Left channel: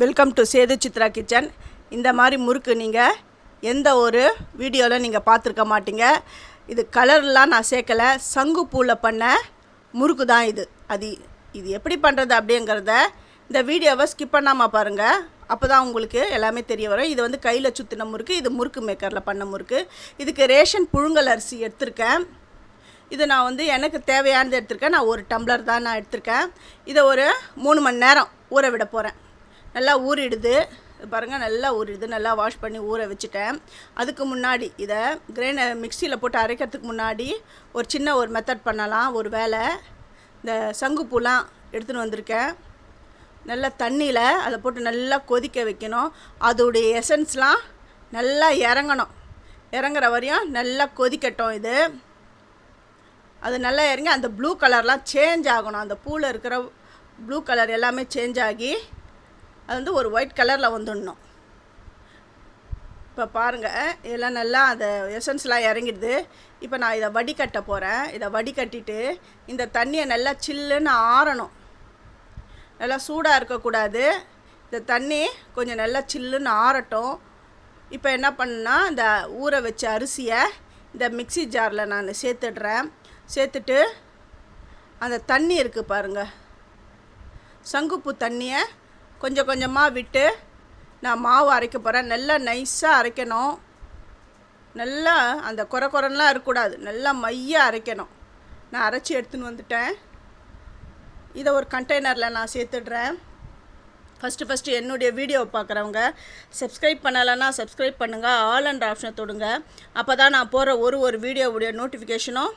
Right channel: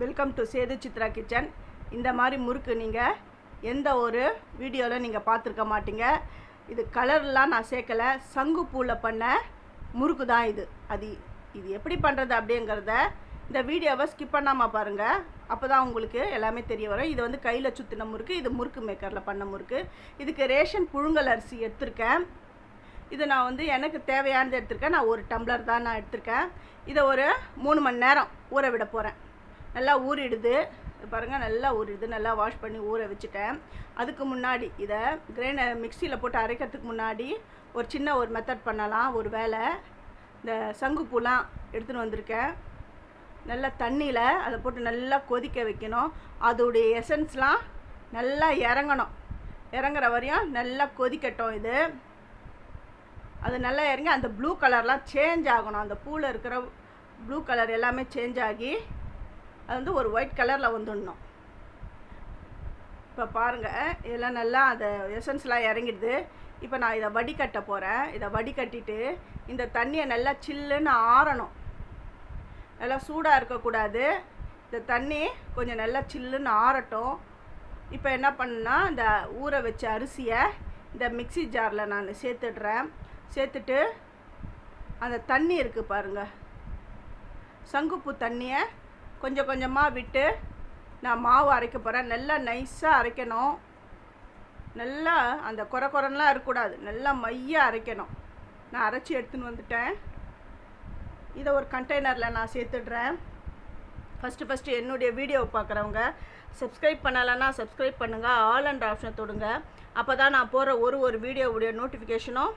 Welcome to Sethu Chitra kitchen. இந்த மாதிரி முறுக்கு நீங்கள் எந்த ஒரு வீடியோவில் நீங்கள் பார்த்துருக்க மாட்டீங்க. இது கலர்லாம் நான் சேர்க்கலை, சங்குப்பூவில் பண்ண முறுக்கு தான் இது. இது எப்படி பண்ணுறது அப்படிங்கிறத இந்த வீடியோவை ஸ்கிப் பண்ணாமல் பாருங்கள். அப்போ தான் உங்களுக்கு எல்லாமே தெரிய வரும். இது வந்து கையில் சுற்றின முறுக்கு, இது முறுக்கு மேக்கரில் பண்ண முறுக்கு. இதுக்கு ரேஷன் புழுங்கல் அரிசி எடுத்திருக்கேன். இது நான் வந்து எனக்கு தேவையானது எடுத்திருக்கேன். நான் ஒரு டம்ளர் தான் நான் எடுத்திருக்கேன். இதை ஒரு 3 மணி நேரம் ஊற விட போகிறேன். நல்லா ஊறிடுது பாருங்கள், நல்லா ஊறிடுது. நல்லா வாஷ் பண்ணி ஊற வச்சுட்டேன். அதுக்கு முன்னாடி இதை மிக்சியில் போட்டு அரைக்கிறதுக்கு முன்னாடி ஒரு மெத்தட் பண்ணலாம். ஒரு வேளை இந்த சங்குப்பூலாம் எடுத்துன்னு வந்திருக்கேன். நல்லா தண்ணியில் அதை போட்டு நல்லா கொதிக்க வைக்கணும். அதோடைய எசன்ஸ்லாம் நல்லா இறங்குற வரையும் நல்லா கொதிக்கட்டும். அது நல்லா இறங்கி அந்த ப்ளூ கலர்லாம் சேஞ்ச் ஆகணும். அந்த பூவில் இருக்கிற ப்ளூ கலர் எல்லாமே சேஞ்ச் ஆகி அது வந்து ஒரு ஒயிட் கலரில் வந்துடணும். இப்போ பாருங்கள், இதெல்லாம் நல்லா அந்த எசன்ஸ்லாம் இறங்கிடுது. இப்போ நான் இதை வடிகட்ட போகிறேன். இதை வடிகட்டிட்டு இந்த தண்ணியை நல்லா சில்லுன்னு ஆறணும். நல்லா சூடாக இருக்கக்கூடாது. இந்த தண்ணி கொஞ்சம் நல்லா சில்லுன்னு ஆறட்டும். இப்போ என்ன பண்ணுன்னா, இந்த ஊற வச்ச அரிசியை இந்த மிக்சி ஜாரில் நான் சேர்த்துடுறேன். சேர்த்துட்டு அந்த தண்ணி இருக்குது பாருங்கள், சங்குப்பூ தண்ணியை கொஞ்சம் கொஞ்சமாக விட்டு நான் மாவு அரைக்க போகிறேன். நல்லா நைஸாக அரைக்கணும். நல்லா அந்த குறைலாம் இருக்கக்கூடாது. நல்லா மையாக அரைக்கணும். நான் அரைச்சி எடுத்துன்னு வந்துட்டேன். இதை ஒரு கண்டெய்னரில் நான் சேர்த்துடுறேன். ஃபஸ்ட்டு என்னுடைய வீடியோவை பார்க்குறவங்க சப்ஸ்கிரைப் பண்ணலைன்னா சப்ஸ்கிரைப் பண்ணுங்கள். ஆல் அண்ட் ஆப்ஷனை தொடுங்க. அப்போ தான் நான் போகிற ஒரு வீடியோவுடைய நோட்டிஃபிகேஷனும்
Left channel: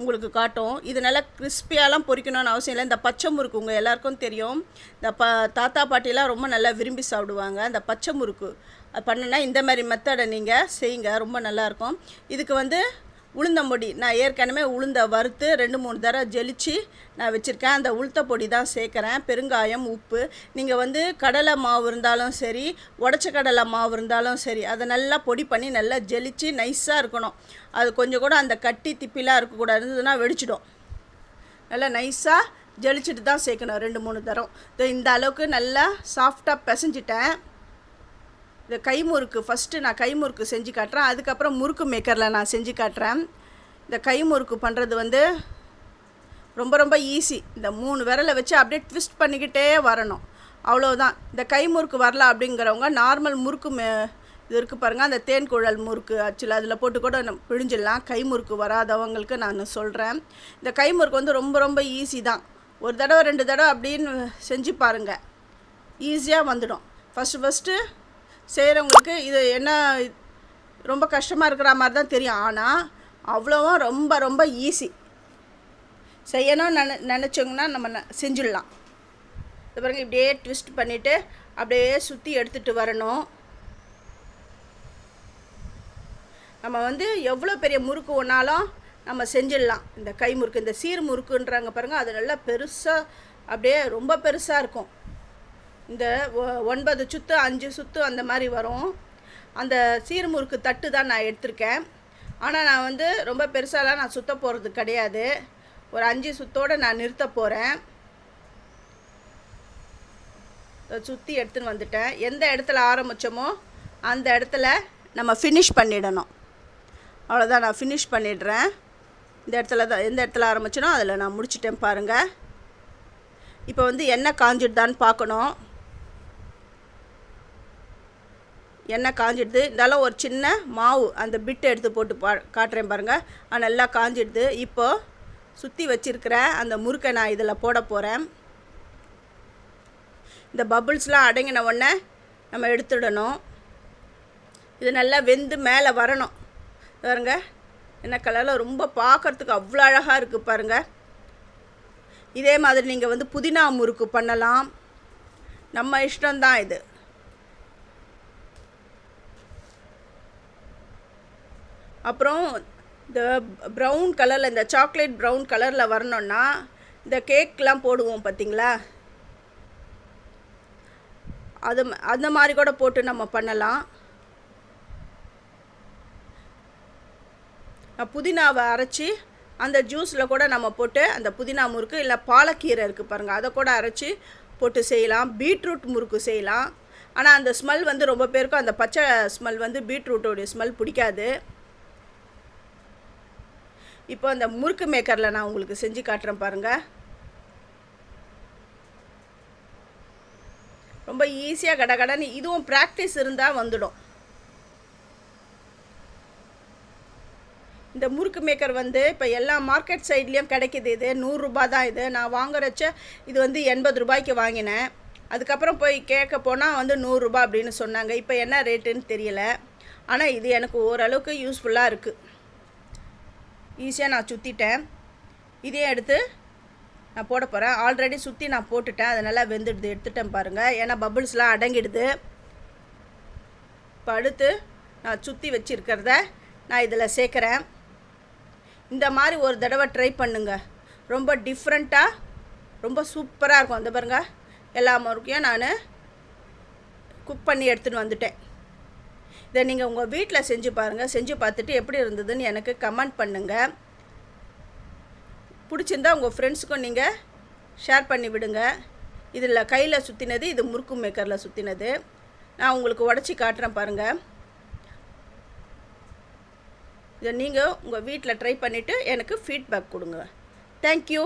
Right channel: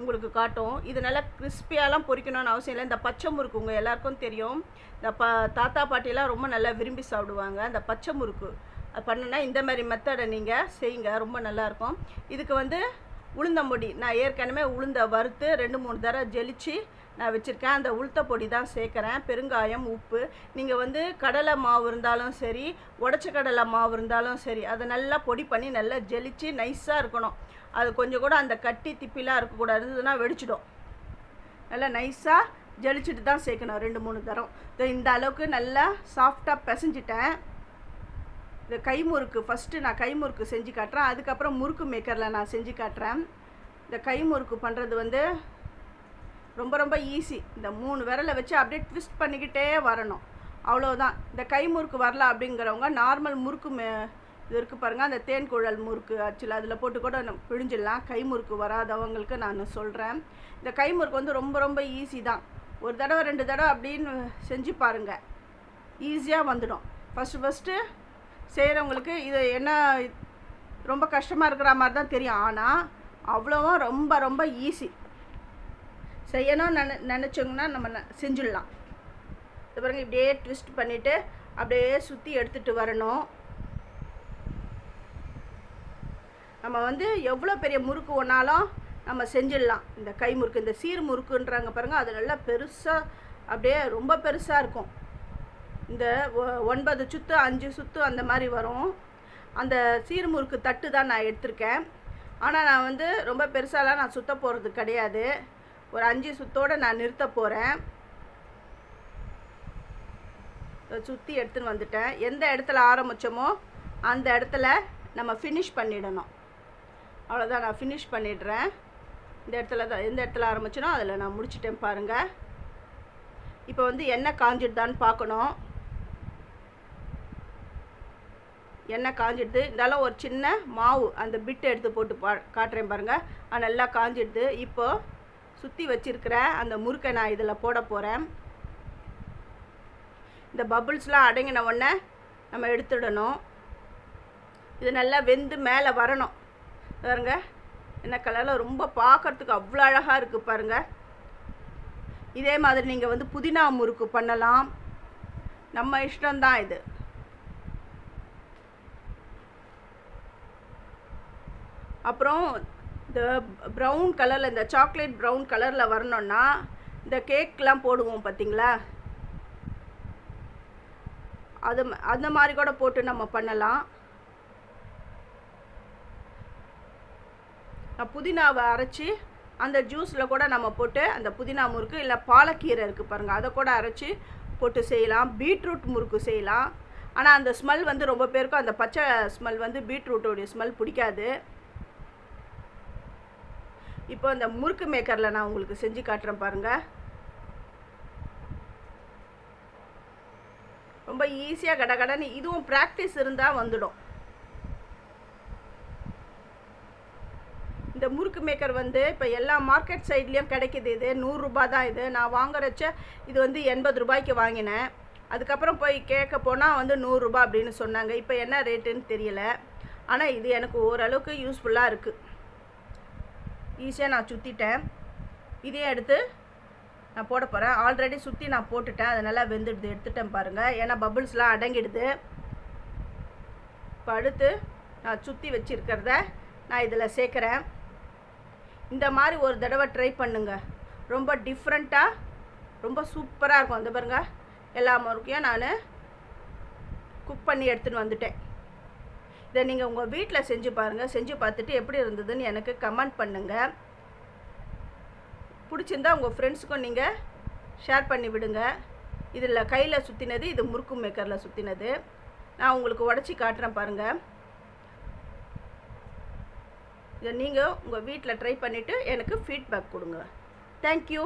உங்களுக்கு காட்டும். இது நல்லா கிறிஸ்பியாலாம் பொரிக்கணும்னு அவசியம் இல்லை. இந்த பச்சை முறுக்கு உங்கள் எல்லாருக்கும் தெரியும். இந்த தாத்தா பாட்டிலாம் ரொம்ப நல்லா விரும்பி சாப்பிடுவாங்க. இந்த பச்சை முறுக்கு அது பண்ணுன்னா இந்த மாதிரி மெத்தடை நீங்கள் செய்யுங்க, ரொம்ப நல்லாயிருக்கும். இதுக்கு வந்து உளுந்தம்பொடி நான் ஏற்கனவே உளுந்தை வறுத்து 2-3 தடவை ஜெலிச்சு நான் வச்சுருக்கேன். அந்த உளுத்த பொடி தான் சேர்க்குறேன். பெருங்காயம், உப்பு. நீங்கள் வந்து கடலை மாவு இருந்தாலும் சரி, உடச்ச கடலை மாவு இருந்தாலும் சரி, அதை நல்லா பொடி பண்ணி நல்லா ஜெலிச்சு நைஸாக இருக்கணும். அது கொஞ்சம் கூட அந்த கட்டி திப்பிலாம் இருக்கக்கூடாது, இருந்ததுன்னா வெடிச்சிடும். நல்லா நைஸாக ஜெலிச்சுட்டு தான் சேர்க்கணும் 2-3 தடவை. இந்த அளவுக்கு நல்லா சாஃப்டாக பிசைஞ்சிட்டேன். இந்த கைமுறுக்கு ஃபஸ்ட்டு நான் கைமுறுக்கு செஞ்சு காட்டுறேன். அதுக்கப்புறம் முறுக்கு மேக்கரில் நான் செஞ்சு காட்டுறேன். இந்த கைமுறுக்கு பண்ணுறது வந்து ரொம்ப ஈஸி. இந்த 3 விரலை வச்சு அப்படியே ட்விஸ்ட் பண்ணிக்கிட்டே வரணும், அவ்வளோதான். இந்த கைமுறுக்கு வரல அப்படிங்கிறவங்க நார்மல் முறுக்கு இது இருக்குது பாருங்கள், அந்த தேன் குழல் முறுக்கு ஆக்சுவலாக அதில் போட்டு கூட பிழிஞ்சிடலாம். கைமுறுக்கு வராதவங்களுக்கு நான் சொல்கிறேன். இந்த கைமுறுக்கு வந்து ரொம்ப ஈஸி தான். 1 தடவை 2 தடவை அப்படின்னு செஞ்சு பாருங்கள், ஈஸியாக வந்துடும். ஃபஸ்ட்டு செய்கிறவங்களுக்கு இது என்ன ரொம்ப கஷ்டமாக இருக்கிற மாதிரி தான் தெரியும். ஆனால் அவ்வளோவா ரொம்ப ஈஸி. செய்யணும்னு நினச்சோங்கன்னா நம்ம செஞ்சிடலாம். இது பாருங்கள், இப்படியே ட்விஸ்ட் பண்ணிவிட்டு அப்படியே சுற்றி எடுத்துகிட்டு வரணும். நம்ம வந்து எவ்வளோ பெரிய முறுக்கு ஒன்றாலும் நம்ம செஞ்சிடலாம். இந்த கை முறுக்கு, இந்த சீர் முறுக்குன்றாங்க பாருங்கள், அது நல்லா பெருசாக அப்படியே ரொம்ப பெருசாக இருக்கும். இந்த 9 சுத்து 5 சுத்து அந்த மாதிரி வரும். அந்த சீர்முறுக்கு தட்டு தான் நான் எடுத்திருக்கேன். ஆனால் நான் வந்து ரொம்ப பெருசாலாம் நான் சுற்ற போகிறது கிடையாது. ஒரு 5 சுத்தோடு நான் நிறுத்த போகிறேன். சுற்றி எடுத்துன்னு வந்துட்டேன். எந்த இடத்துல ஆரம்பித்தோமோ அந்த இடத்துல நம்ம ஃபினிஷ் பண்ணிடணும். அவ்வளோதான், நான் ஃபினிஷ் பண்ணிடுறேன். இந்த இடத்துல தான், எந்த இடத்துல ஆரம்பிச்சனோ அதில் நான் முடிச்சிட்டேன் பாருங்கள். இப்போ வந்து எண்ணெய் காஞ்சிடுதான்னு பார்க்கணும். எண்ணெய் காஞ்சிடுது. இருந்தாலும் ஒரு சின்ன மாவு அந்த பிட்டை எடுத்து போட்டு காட்டுறேன் பாருங்கள். அது நல்லா காஞ்சிடுது. இப்போது சுற்றி வச்சுருக்கிற அந்த முறுக்கை நான் இதில் போட போகிறேன். இந்த பபுள்ஸ்லாம் அடங்கின உடனே நம்ம எடுத்துடணும். இது நல்லா வெந்து மேலே வரணும் பாருங்க. என்ன கலரில் ரொம்ப பார்க்குறதுக்கு அவ்வளோ அழகாக இருக்குது பாருங்கள். இதே மாதிரி நீங்கள் வந்து புதினா முறுக்கு பண்ணலாம், நம்ம இஷ்டம்தான் இது. அப்புறம் இந்த ப்ரௌன் கலரில், இந்த சாக்லேட் ப்ரௌன் கலரில் வரணுன்னா இந்த கேக்லாம் போடுவோம் பார்த்திங்களா, அந்த மாதிரி கூட போட்டு நம்ம பண்ணலாம். புதினாவை அரைச்சி அந்த ஜூஸில் கூட நம்ம போட்டு அந்த புதினா முறுக்கு, இல்லை பாலக்கீரை இருக்குது பாருங்கள், அதை கூட அரைச்சி போட்டு செய்யலாம், பீட்ரூட் முறுக்கு செய்யலாம். ஆனால் அந்த ஸ்மெல் வந்து ரொம்ப பேருக்கும் அந்த பச்சை ஸ்மெல் வந்து பீட்ரூட்டோடைய ஸ்மெல் பிடிக்காது. இப்போ அந்த முறுக்கு மேக்கரில் நான் உங்களுக்கு செஞ்சு காட்டுறேன் பாருங்கள். ரொம்ப ஈஸியாக கடகடன்னு, இதுவும் ப்ராக்டிஸ் இருந்தால் வந்துடும். இந்த முறுக்கு மேக்கர் வந்து இப்போ எல்லா மார்க்கெட் சைட்லேயும் கிடைக்கிது. இது 100 ரூபா தான். இது நான் வாங்குறச்ச இது வந்து 80 ரூபாய்க்கு வாங்கினேன். அதுக்கப்புறம் போய் கேட்க போனால் வந்து 100 ரூபா அப்படின்னு சொன்னாங்க. இப்போ என்ன ரேட்டுன்னு தெரியல. ஆனால் இது எனக்கு ஓரளவுக்கு யூஸ்ஃபுல்லாக இருக்குது. ஈஸியாக நான் சுற்றிட்டேன். இதையும் எடுத்து நான் போட போகிறேன். ஆல்ரெடி சுற்றி நான் போட்டுட்டேன், அது நல்லா வெந்துடுது. எடுத்துட்டேன் பாருங்கள், ஏன்னா பபுள்ஸ்லாம் அடங்கிடுது. இப்போ அடுத்து நான் சுற்றி வச்சுருக்கிறத நான் இதில் சேர்க்குறேன். இந்த மாதிரி ஒரு தடவை ட்ரை பண்ணுங்க. ரொம்ப டிஃப்ரெண்ட்டாக ரொம்ப சூப்பராக இருக்கும். அந்த பாருங்கள், எல்லா முறுக்கையும் நான் குக் பண்ணி எடுத்துகிட்டு வந்துட்டேன். இதை நீங்கள் உங்கள் வீட்டில் செஞ்சு பாருங்கள். செஞ்சு பார்த்துட்டு எப்படி இருந்ததுன்னு எனக்கு கமெண்ட் பண்ணுங்கள். பிடிச்சிருந்தா உங்கள் ஃப்ரெண்ட்ஸுக்கும் நீங்கள் ஷேர் பண்ணி விடுங்க. இதில் கையில் சுற்றினது, இது முறுக்கு மேக்கரில் சுற்றினது. நான் உங்களுக்கு உடச்சி காட்டுறேன் பாருங்கள். இதை நீங்கள் உங்கள் வீட்டில் ட்ரை பண்ணிவிட்டு எனக்கு ஃபீட்பேக் கொடுங்க. தேங்க்யூ.